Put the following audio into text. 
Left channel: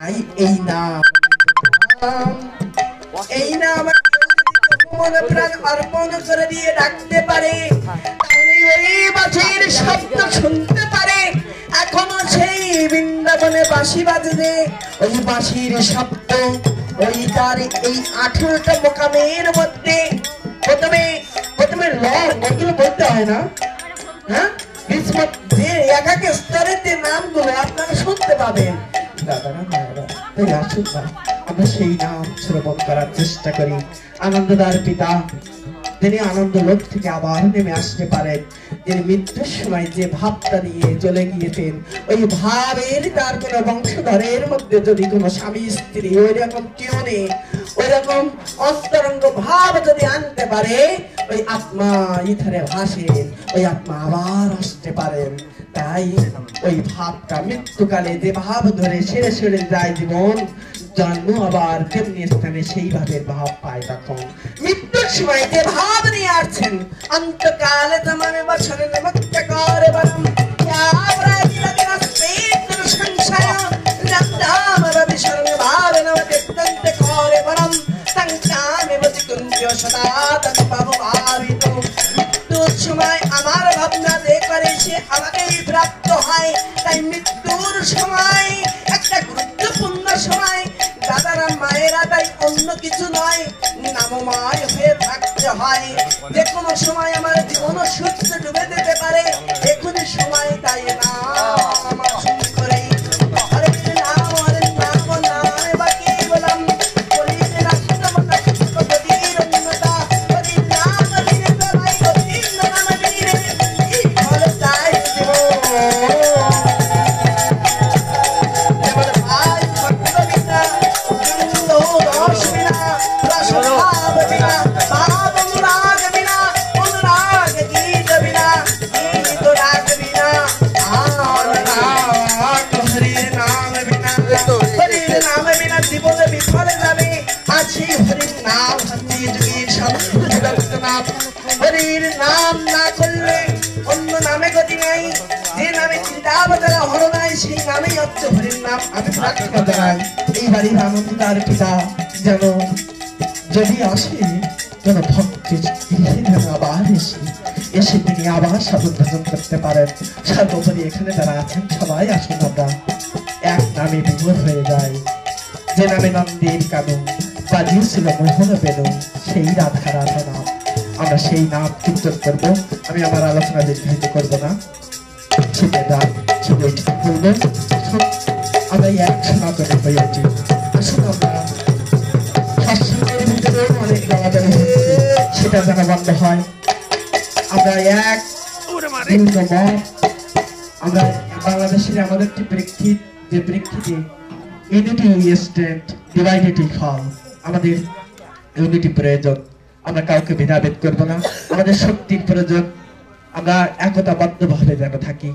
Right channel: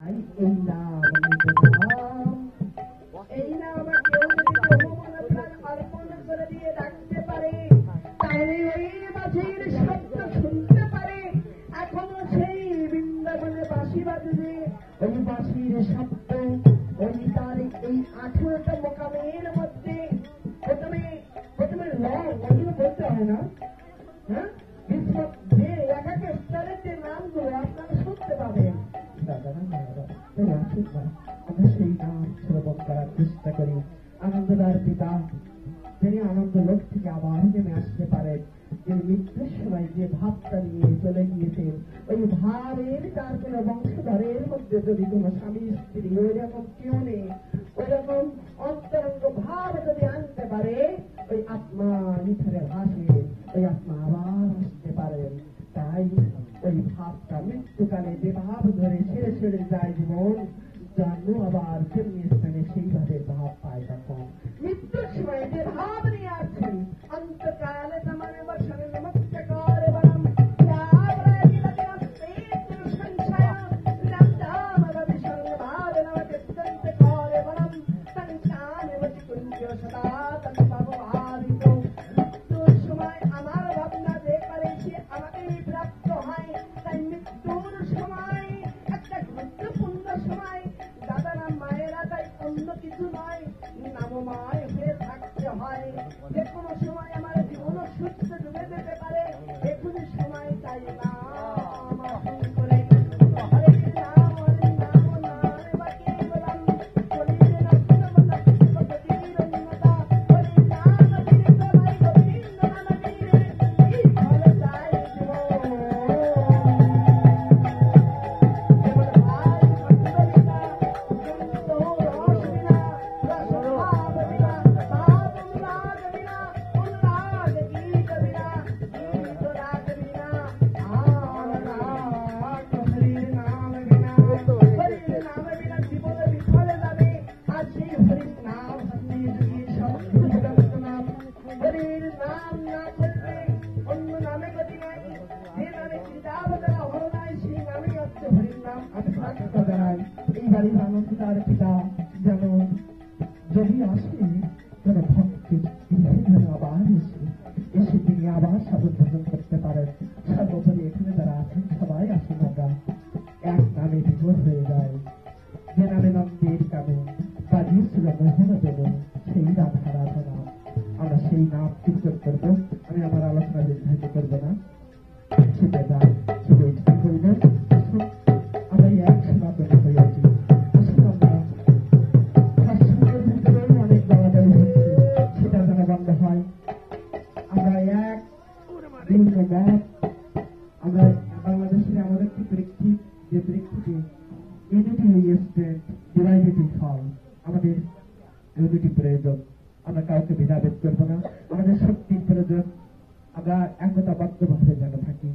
এই নাম এই নাম মন প্রাণ অর্পণ করে দিয়ে ডাকতে পারে, তাহলে ওই বাঁশির শব্দ শুনতে পারে। এখনো সেই বৃন্দাবনে বাঁশি বাজবে, ওই বাঁশির শব্দ ওই তার এই 18টা মোকামের মধ্যে প্রথমে প্রথমে ওগুলো বলতে হয় না, হ্যাঁ, যে এক এক স্তরের যে নামগুলো আপনারা শুনতে পাবেন। দাদারা মায়েরা, তাই আসুন না আমরা সেই নাম শ্রবণ করার চেষ্টা করি। আনন্দদার পিতা তিনি আনন্দ লোক থেকে আবার নেমে আসতে পারেন। তিনি মৃত্যুর সময় যে ভাবটা নিয়ে চলে গিয়েছেন, ওই ভাবের তার কোন বংশধরের মধ্যে যদি কোনো স্বামী স্ত্রী ওই রকম কেউ নেই, ওই রকম অন্তরঙ্গ ভাব যদি আনতে পারে, ওই আত্মা ইথারে ভাসেন, ওই আত্মা আবার আসতে পারেন। তাই ওই ভাবটা মৃত্যুকালে যে ভাব ধরে সেরে সেরে যায় জীবন, জন্ম আবার তেমনি স্থানে সেইভাবে ভাব পায়। তখন মৃত্যুর সময় যে ভাব নিয়ে আসছেন, অন্তকালে তোমারে বছরে নমস্কার বরম মৃত্যুর সময় আমার ভাবনা যে করে সে আমাকেই প্রাপ্ত হয়। তাই মৃত্যুর সময় একটা গুরুত্বপূর্ণ সময় দাদারা মায়েরা, তাই অন্য কিছু নয়, নামময় হয়ে থাকতে হয়। যে কোনো সময় আমার জীবন সূর্য ডুবে যেতে পারে, এখনই সময় তাই না আমার শুরু করে যদি আসে যেন ভক্তের আবার এসে তিনি আবার সাধন ভজন করতে পারেন। সর্বোপরি এখানে যারা আছেন সবাই আসুন আমরা এক নামে বিভোর হয়ে যায়। যে নামে নন্দের কানন বাজিয়েছিল মোহন বেনু, সেই রাধা রাধা নাম, আমরা সেই নাম কীর্তন করবো। আমি আমার আলোচনা দীর্ঘায়িত করবো না, ছিপে দান ছিপে বলবো আমরা এক সনাতনে হয়ে উঠি। আসুন আমরা সৎসঙ্গের ভিতরে অনেক গালাগালি হচ্ছে, সেটা যেন বন্ধ হয়। আমরা এক আমরা বাংলাদেশের আমাদের একটি প্রেক্ষিত, যে প্রেক্ষিতে ইউনিটি স্ট্যান্ড ডিভাইডেড ফল, আমাদের ইউনিটি প্রয়োজন। আমরা কাউকে ভেদাভেদ করবো না, আমাদের শক্তির প্রয়োজন। আমরা একতাবদ্ধ ভাবে যেন থাকি।